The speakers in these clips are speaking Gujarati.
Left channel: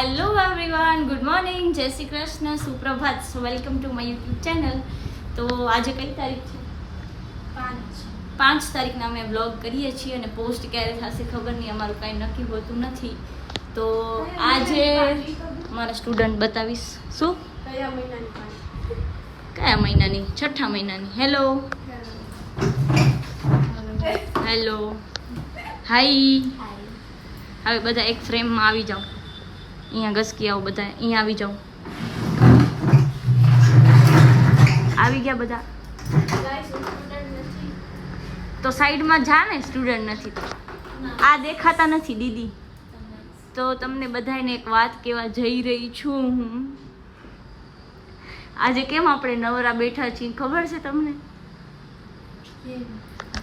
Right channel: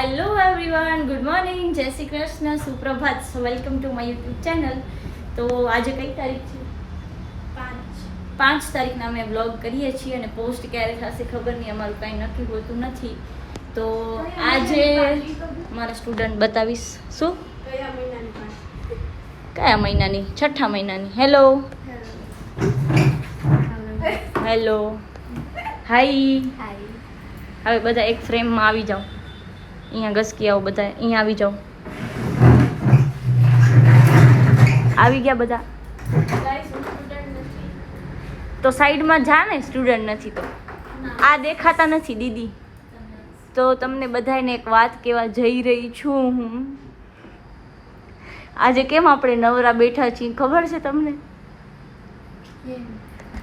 Hello everyone, good morning, Jai Shri Krishna, સુપ્રભાત. Welcome to my YouTube channel. તો આજે કઈ તારીખ છે? 5 તારીખના અમે વ્લોગ કરીએ છીએ અને પોસ્ટ ક્યારે થશે ખબર નહીં, અમારું કાંઈ નક્કી હોતું નથી. તો આજે મારા સ્ટુડન્ટ બતાવીશ. શું કયા મહિનાની? 6ઠા મહિનાની. હેલો હેલો, હાય. હવે બધા એક ફ્રેમમાં આવી જાઓ. અહીંયા ઘસકી આવો, બધા અહીંયા આવી જાઓ. આવી ગયા બધા? તો સાઈડમાં જા ને, સ્ટુડન્ટ નથી તો આ દેખાતા નથી દીદી. તો તમને બધાને એક વાત કહેવા જઈ રહી છું હું. આજે કેમ આપણે નવરા બેઠા છીએ ખબર છે તમને?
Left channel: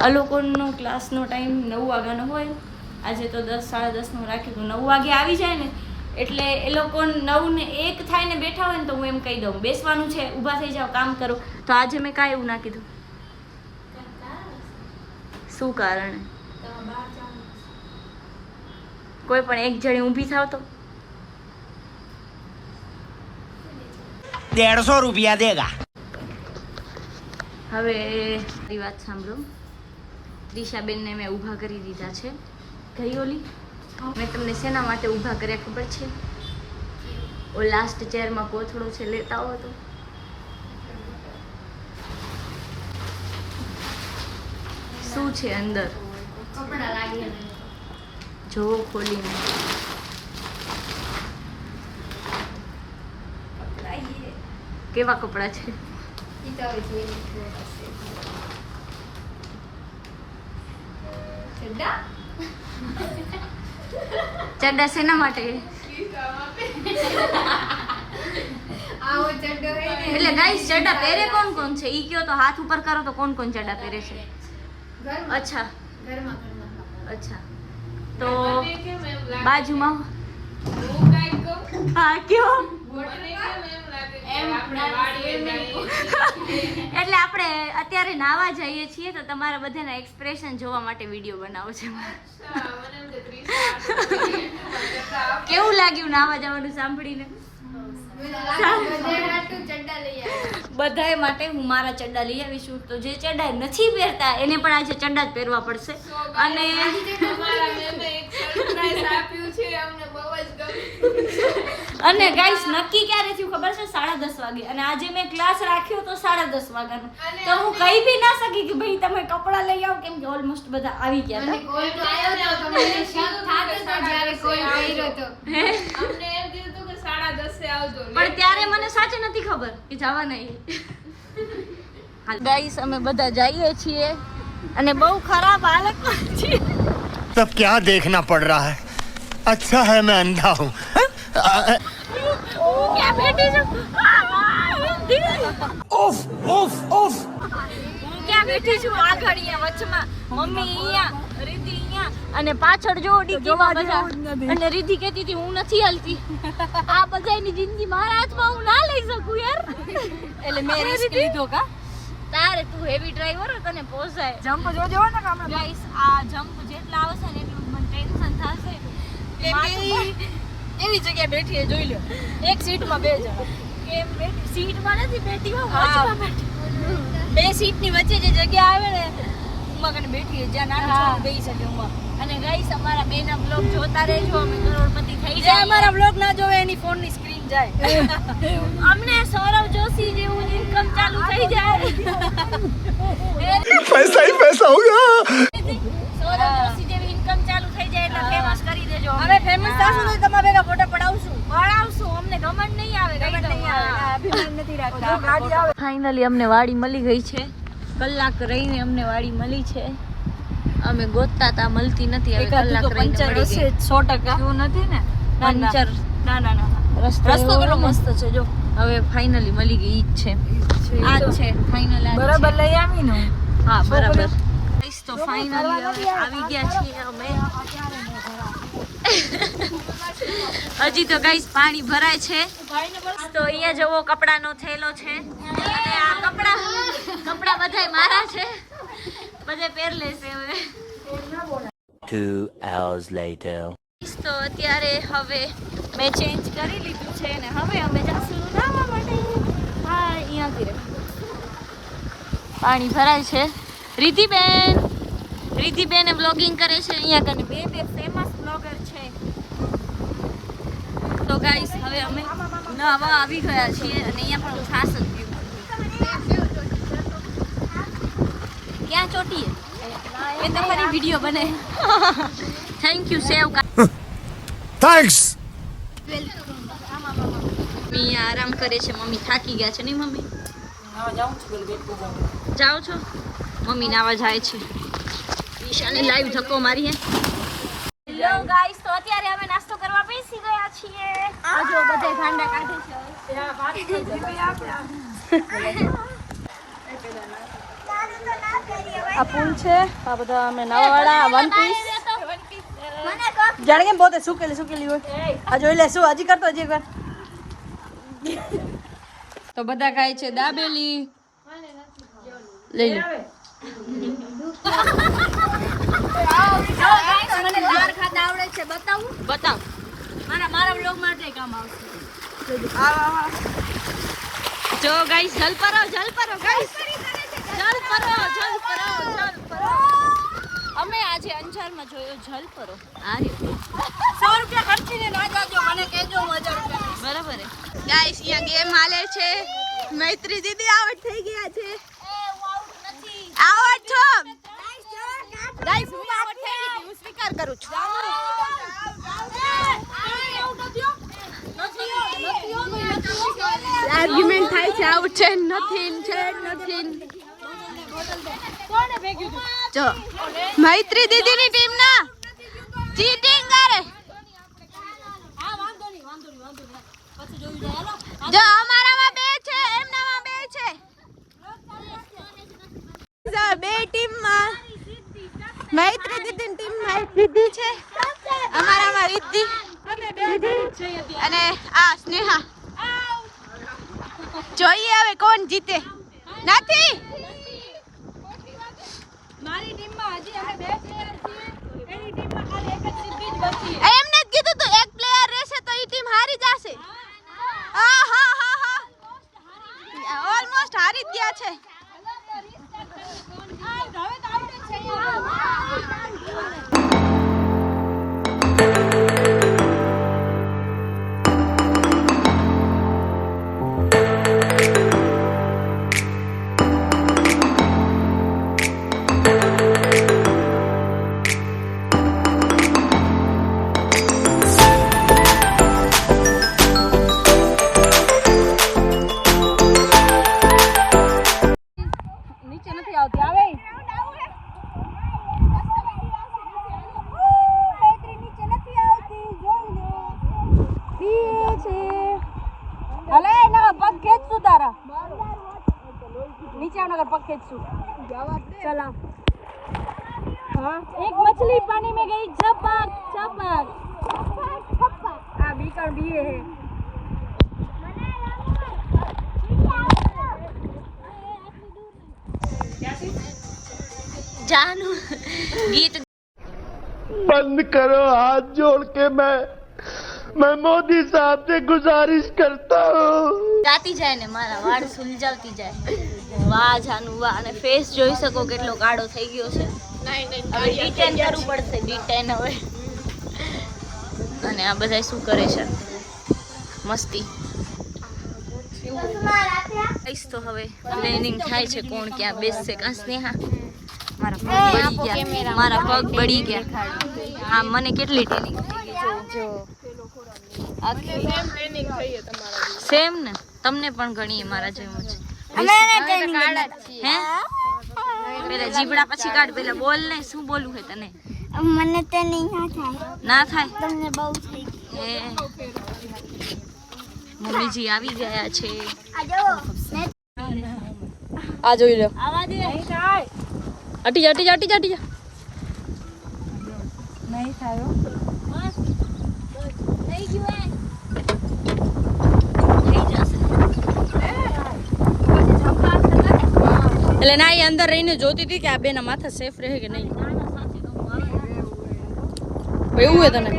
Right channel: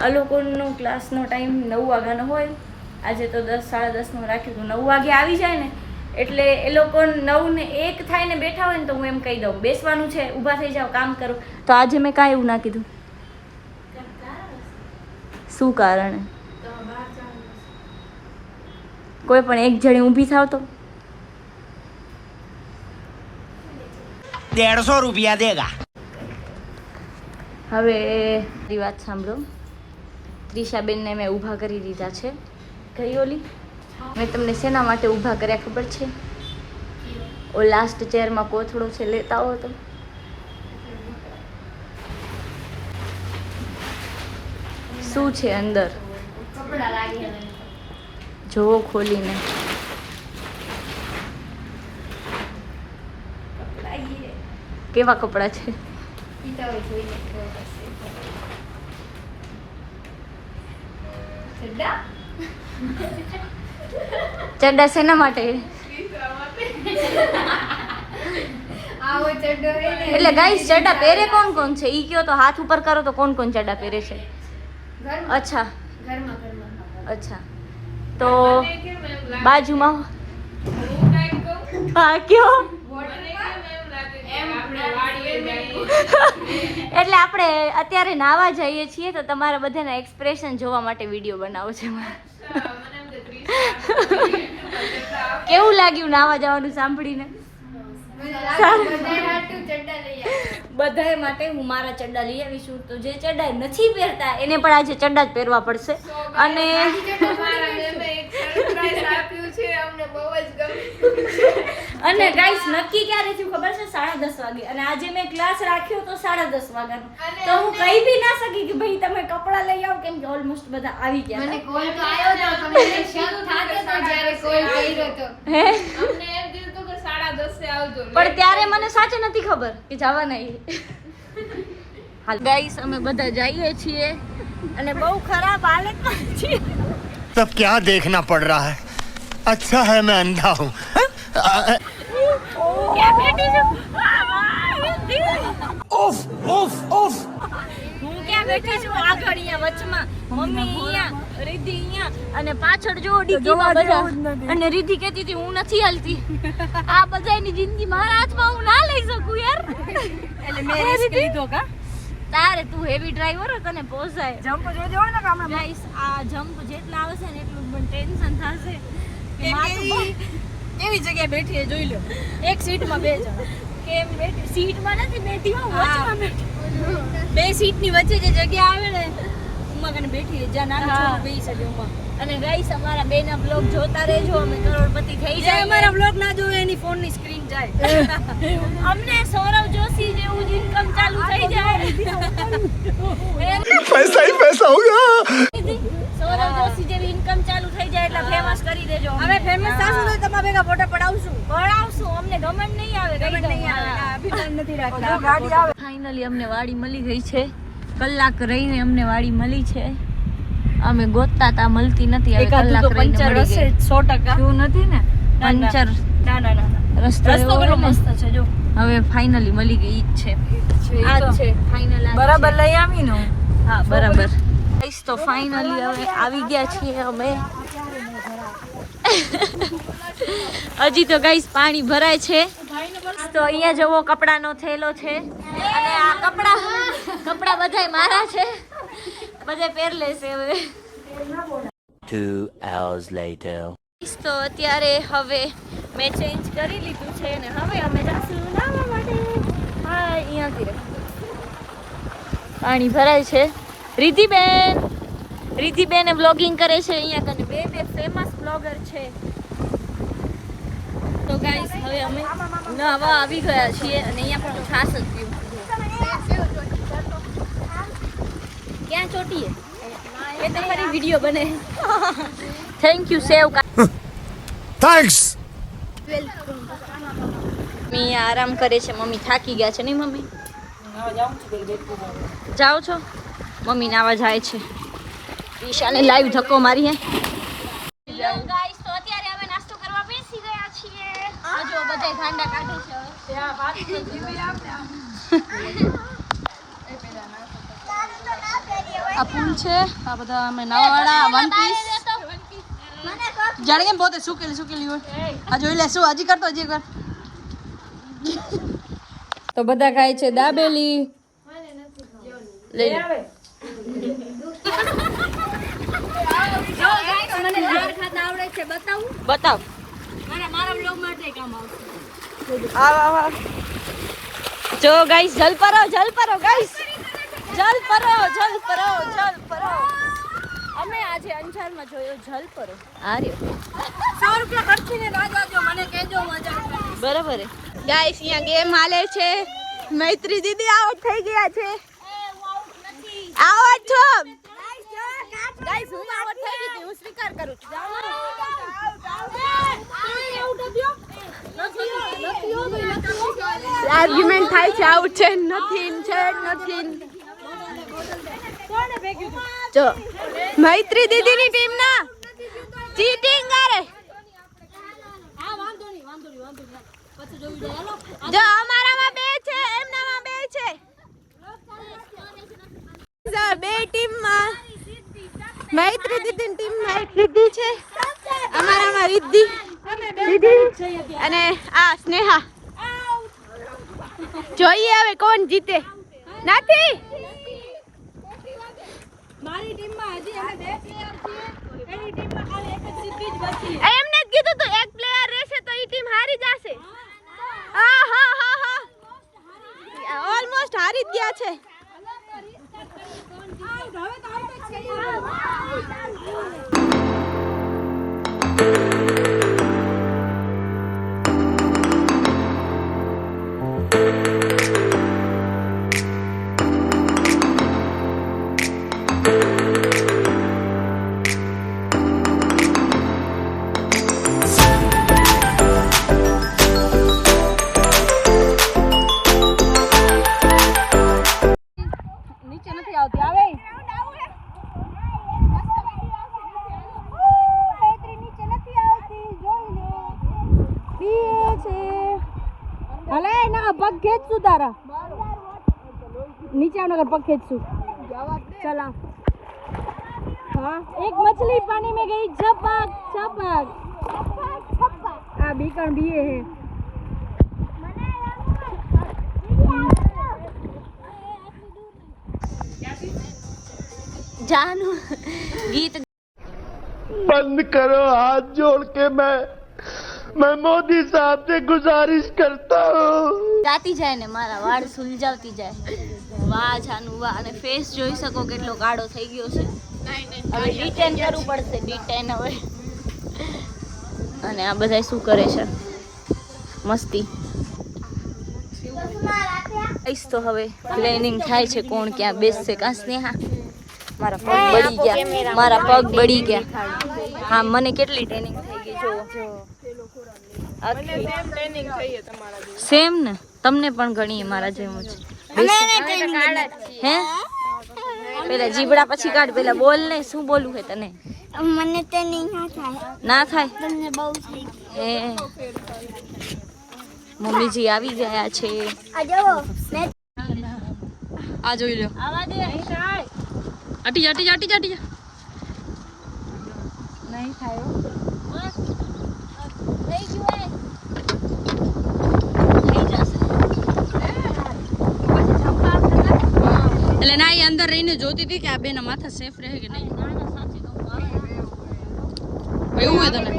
આ લોકોનો ક્લાસનો ટાઈમ 9 વાગ્યાનો હોય. આજે તો 10 સાડા 10નું રાખ્યું હતું. 9 વાગે આવી જાય ને એટલે એ લોકો 9 ને 1 થાય ને બેઠા હોય ને તો હું એમ કહી દઉં બેસવાનું છે, ઊભા થઈ જાઓ, કામ કરો. તો આજે મેં કાંઈ એવું ના કીધું. શું કારણે? કોઈ પણ એક જણી ઊભી થાવ તો 150 રૂપિયા દેગા. હવે મારી વાત સાંભળો. ત્રિશાબેનને મેં ઊભા કરી દીધા છે. ગઈ ઓલી મેં તમને શેના માટે ઊભા કર્યા ખબર છે? ઓ લાસ્ટ ચેરમાં કોથળો છે, લેતા હો તો. શું છે અંદર? જોવો ખોલીને. કેવા કપડા છે? ચડ્ડા શેના માટે? એટલે ગાઈસ ચડ્ડા પહેરે કોણ કોણ છે ઈ કયો તો, હાથ ઉપર કરો તો કોણ કોણ ચડ્ડા પહેરે છે? અચ્છા અચ્છા, તો બાજુમાં હા કયો? એટલે આપણે અત્યારે નાવા જઈએ છીએ તો તમારા બધાના એક્સપ્રેશન જોવા માટે વિડીયો બનાવો છે. કેવું લાગ્યું નાવા જવાનું સાંભળીને? બધાય માટે હું મારા ચડ્ડા લઈ આવીશું. તો જે ચડ્ડા નથી પહેરતા એને પણ આજે ચડ્ડા જ પહેરવા પડશે. અને અને ગાઈસ નક્કી ક્યારે થયું ખબર છે? 10:30 વાગે. અને આજે મેં ક્લાસ રાખ્યો તો 10:30 વાગ્યાનો. તો હું કહી બી ના સકી કે ભાઈ તમે કપડા લઈ આવો, કેમ કે ઓલમોસ્ટ બધા આવી ગયા હતા. પણ ત્યારે મને સાચે નથી ખબર કે જવાના. ગાઈસ અમે બધા જઈએ છીએ અને બહુ ખરાબ હાલતમાં છીએ. तब क्या देखना पड़ रहा है? अच्छा है मैं अंधा हूँ. ક્યાં બેઠી છું? Of of of. હું ક્યાં બેઠી છું? આગળ અહીંયા વચમાં, મમ્મી અહીંયા, રીતિ અહીંયા અને પાછળ જો ડીકીમાં બધા. અને રીતિ કહેતી હતી હું નથી હાલતી. આ બધાની જિંદગી મારા હાથમાં, હું ના લઈ શકું યાર. એટલે મેં રિસ્ક લીધો. કા તારે તું હેવી ડ્રાઈવર તને પોસાય. જમ્પ જોજો ને કામ. ગાઈસ આ જમ્પ જેટલા આવશે ને એટલું મને ટેન્શન થશે કે માથું એવી જગ્યાએ બેઠી જોઈ લો. એક સીટમાં બે જણ. કેમ સીટમાં નથી બેઠી, હું વચમાં બેઠી. બે સીટની વચ્ચે જે જગ્યા આવે ને ઉમા કને બેઠી, જ્યાં નાની છોકરી બેસી શકે ઉમા. અને ગાઈસ અમારા બેના બ્લોગ જોતા રહેજો, અમે કરોડપતિ થઈ જાય. અમારા બ્લોગ ના જોવે એની ફોનની સ્ક્રીન જાય. અમને સૌરવ જોશી જેવું ઇન્કમ ચાલુ થઈ જાય. पैसा ही पैसा होगा. સૌરવ જોશી જેવી ઇન્કમ ચાલુ થઈ જાય એટલે ફેમસ કરી દેજો. હવે ફેમસ થાશું તો તમારા ભેગા ફોટા પડાવશું. અમને ગમન નહીં આવે. અભિમાન નથી રાખતા. ફાઇનલી અમને વાડી મળી ગઈ છે. કલાક રહીને અમને વાડી મળી છે. અમે ગોતતા તા, મળતી નથી. હવે કલાક રહીને પંચર હશે 100%. એવું નથી ને? પંચર ના રસ્તો કેટલો મસ્ત છે જો. હવે ફાઇનલી મળી ગઈ ઈ જ છે. આ જ છે ફાઇનલ. બરાબર લઈ આવી ને? હા બરાબર. તો ફાઇનલી હવે આવી ગયા છીએ અમે. હજી તો ગાઈસ પાણી ભરાય છે. તો અહીંયા જવો કપડાનો થેલો છે. અને આ કપડા બધાય મારા છે. બધે પહેર લેશે હવે. 2 hours later. તો અત્યારે હવે મેં ચેન્જ કરી લીધું છે ને હવે અમે જઈશું નાહવા માટે. હા અહીંયાથી રે પાણી ભરાય છે. રિદ્ધિબેન વ્લોગિંગ કરે છે અહીંયા કઈ બે ફેમસ બ્લોગર છે. તો ગાઈસ હવે અમે નાહવા આવી ગયા છીએ અને અહીંયા પણ હું છાસ જ પીવું. ક્યાં ચોટીએ એ તમારી વિડીયો બને. Thank you save. Thanks. Mummy આરામ કરે છે. મમ્મી થાકી ગયા છે નહીં મમ્મી? જાઓ છો? મમ્મી નાવા જાય છે. ઈશાને લાઈવ ધક્કો મારી હે. હેલો ગાઈસ, તો અત્યારે અમે નાસ્તો કરવા બેસી ગયા છીએ. આ જો બધે ઠંડા કાઢે છે. આ પુલ છે. આ બધા અમે નાવાવાળા વન પીસ જાણે કેમ પોતે સુકેલી હોય. આ જોઈ લે શું હજી કરતો હજી કર. તો બધા ખાય છે દાબેલી. લઈ લે. બતાવ. મારા બ્લોગ માટે કામ આવશે. જો ગાઈસ જલ પરો ગાઈસ. જલ પરો. અમે આજે અંજારમાં જોયો જલ પરો. આ રહ્યો. 100 રૂપિયા ખર્ચીને ના જાજો, મને કહેજો મજા આવે. બરાબર હે ગાઈસ. અહીંયા ગેમ હાલે છે. મૈત્રી દીદી આઉટ થઈ ગયા છે. આઉટ છો ગાઈસ. હું આઉટ થઈ ગઈ હતી, હું સ્વીકાર કરું છું. આર્ગ્યુમેન્ટ થાય છે. આઉટ છે નથી. જો મૈત્રી દીદીની ટીમ ના ચીટિંગ કરે. જો અમારામાં 2 છે, એમનામાં 2 છે. બે ટીમમાં મૈત્રી દીદીની ટીમમાં રિદ્ધિ છે, અમારામાં રિદ્ધિ અને આ સ્નેહા. જોઈએ હવે કોણ જીતે. નથી મારી ટીમમાં હજી અમે 2 પ્લેયર છીએ. એની ટીમમાં ખાલી એક જ સિદ્ધિ જ બચી. એમને જ કીધું તો એક પ્લેયર રહેશે તો ઈ ટીમ હારી જશે. હા ઓલમોસ્ટ હારી જ ગયા છે. नीचे नगर पग खेचू. चला. हाँ एक मछली पानी में गई. झपक. आ बीकण भी है. जानू गीत बंद करो हाथ जोड़ के. मैं मोदी साहब से गुजारिश करता हूँ. ગાતી જાય ને મારા વાળ સુલજાવતી જાય. વાહ જાનુ વાહ. અને ફેસ જોઈ શકો કેટલો કાળો થઈ ગયો છે. હવે ડિટેન કરવું પડશે. ડિટેન હવે. અને આ બધા શું કરે છે? મસ્તી. તો હવે પ્લેનિંગ થાય છે કોણ ક્યાં બેસશે. કાં સ્નેહા? મારા પગ બળી ગયા. હા મને કેટલી ટ્રેનિંગ થઈ ગઈ જો. સેમ ને તમને પણ ઘણી મારા જેવું છે. હે પેલા જીબડા પછી કાઢ. પેલા બોલ ને શું બોલવું છે તને? મને તે ના થાય. તમને બહુ એ મમ્મીજી આવી ગયા છે. આ જોઈ લો. અટી જા. નહીં થાય. એટલે ના એ અંદર રહીને જોતી હતી કે આ બેના માથા સેફ રહે કે નહીં. એવું હોય તને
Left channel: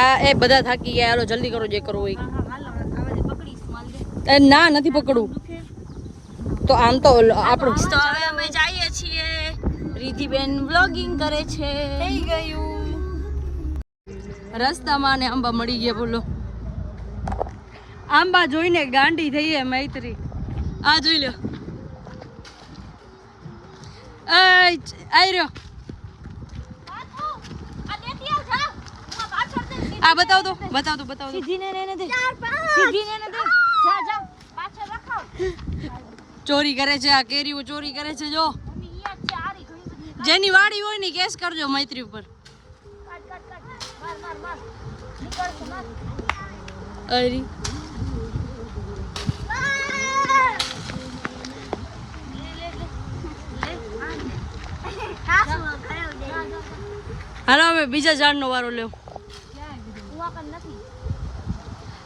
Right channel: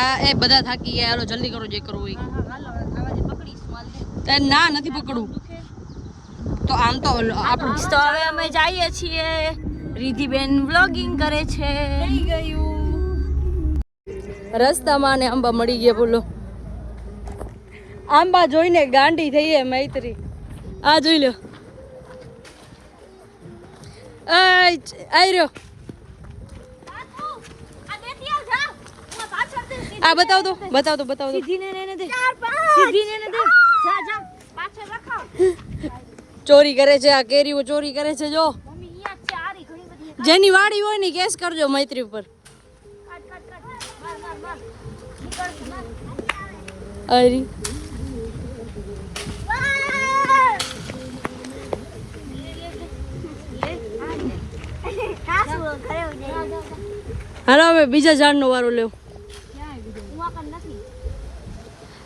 આ એ બધા થાકી ગયા, હાલો જલ્દી કરો જે કરવું હોય. ના નથી પકડવું તો આમ તો આપણું. તો હવે અમે જઈએ છીએ. રિધિબેન વ્લોગિંગ કરે છે. થઈ ગયું રસ્તામાં ને આંબા મળી ગયા. બોલો આંબા જોઈને ગાંડી થઈએ મૈત્રી. આ જોઈ લો, આઈ રહ્યો. આ બતાવ દો. ચોરી કરે છે આ કેરીઓ, ચોરી કરે છે. જો જેની વાડી હોય ને કેસ કરજો મૈત્રી ઉપર. અરી હાલો હવે બીજા ઝાડનો વારો લેવો.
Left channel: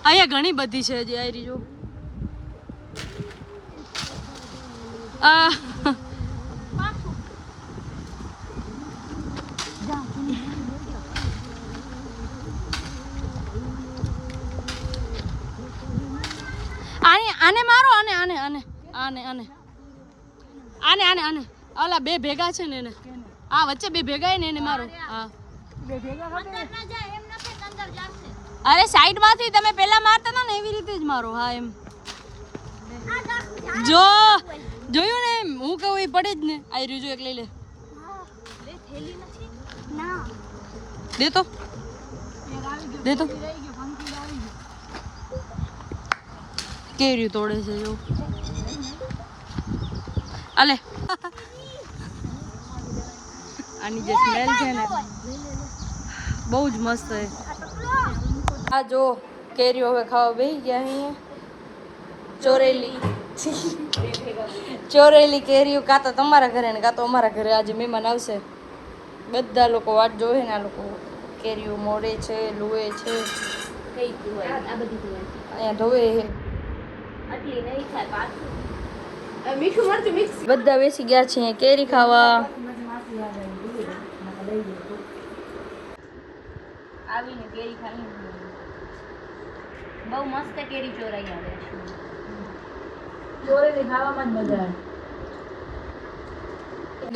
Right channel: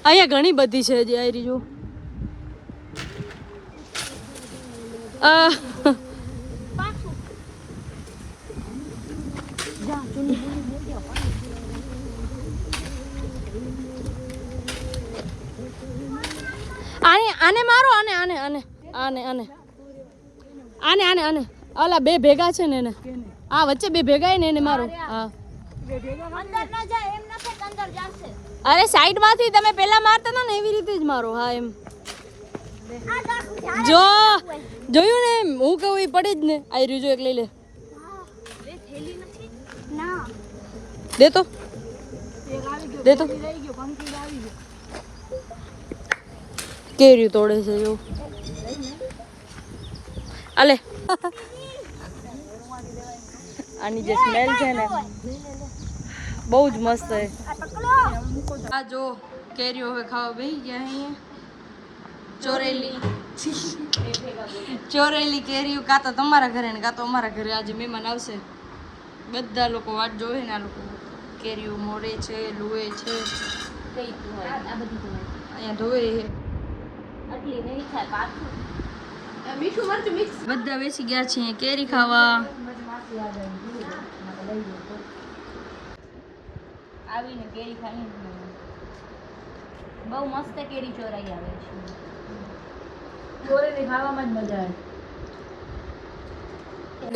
અહીંયા ઘણી બધી છે હજી. આયરી જો આને મારો. આને ઓલા બે ભેગા છે ને એને, આ વચ્ચે બે ભેગા ને એને મારો. હા અરે સાઈડ માંથી તમે પેલા મારતા હતા ને એવી રીતે જ મારો. હા એમ જો જોયું ને, હું કહું એ પડે જ ને. આઈ રહ્યું જો એક લઈ લે. દે તો કેરી તોડે છે જો. આલે આની જે સ્મેલ છે ને બહુ જ મસ્ત છે. આ જો કેરીઓ હવે ખાવા બેસી ગયા. અહીંયા ચોરેલી કેરીઓ કાં તો તમારા ઘરે ને કાં તો અમારા ઘરે આજે મહેમાન આવશે. બધા લોકો વાટ જોવે ને. આ લોકો કેરીઓ મોડે છે, લુએ છે, અહીંયા ધોવે છે. બધા બેસી ગયા છે કેરી ખાવા. આવીને કેરી ખાઈ બહુ મસ્ત કેરી ચોરાઈ આવે છે. ચોરેલી ખાવામાં જ મજા આવે.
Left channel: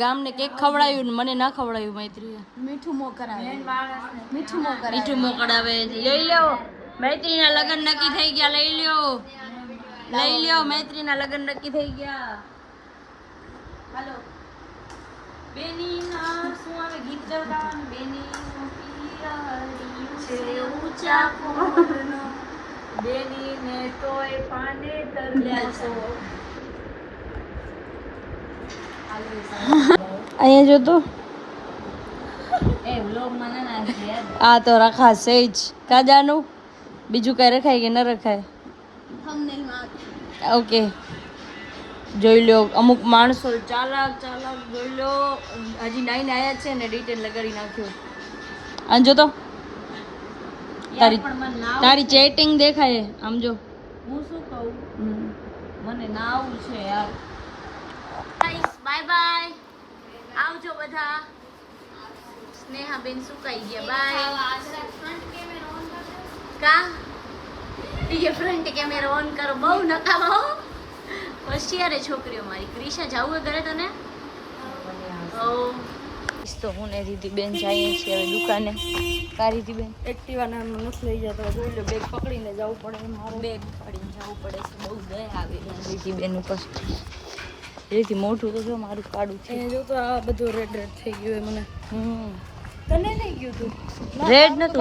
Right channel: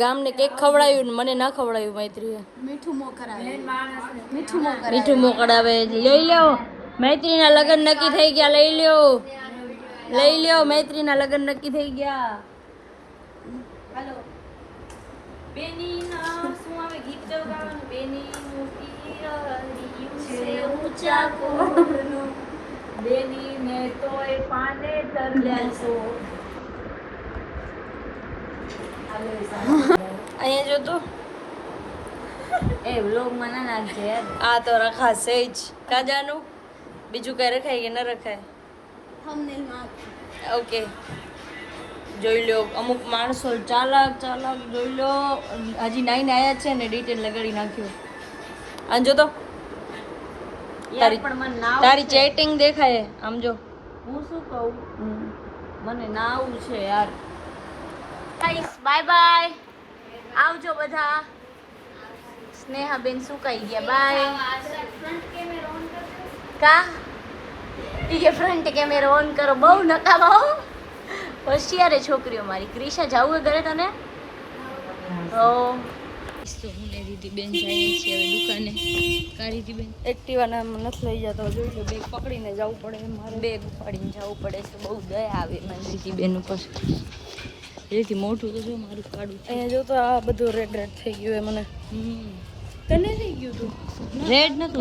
ગામને કેક ખવડાવ્યું ને મને ના ખવડાવ્યું મૈત્રીએ. મીઠું મોકડાવે. લઈ લ્યો મૈત્રીના લગ્ન નક્કી થઈ ગયા. લઈ લ્યો મૈત્રીના લગ્ન નક્કી થઈ ગયા. હાલો બેની ના શું આવે ગીત ગાવાનું. બેની ઊંચા કોનો બેની ને તોય પાને તરલ્યા છો. અહીંયા જો તો એ વ્લોગ માં ના નાખે. આ તો રખાશે જ કાજાનું. બીજું કઈ રખાય કે ન રખાય? ઓકે જોઈ લો. અમુક માણસો ચાલાક જોઈ લો. હજી નાઈને આયા છે ને ડિટેલ લગાડી નાખ્યું. આમ જો તો તારી ચેટિંગ દેખાય. આમ જો હું શું કહું, મને ના આવું છે યાર. Bye bye. આવજો બધા. સ્નેહાબેન સુકાઈ ગયા. બાય. કા એ ફ્રન્ટ કેમેરો ઓન કરો. બહુ નકામા હો. હોશિયાર છોકરીઓ મારી. ક્રિશા જાવું ઘરે તને? તો હું ને રીધિબેન જઈએ છીએ હવે દુકાને. કા રીધિબેન એક્ટિવાના નથી લઈ જતો. જોઈ લો બેગ પકડીને જવું પડે. મારું બેગ ઉપાડીને જવું પડે છે. બહુ દયા આવે મારી રીધિબેન ઉપર. એથી મોઢું તો જો મારું કાળું છે. એ જો તો આ બધું રેડ થઈ ગયું. મને કને થઈ ગયું તું? રેડ નતું.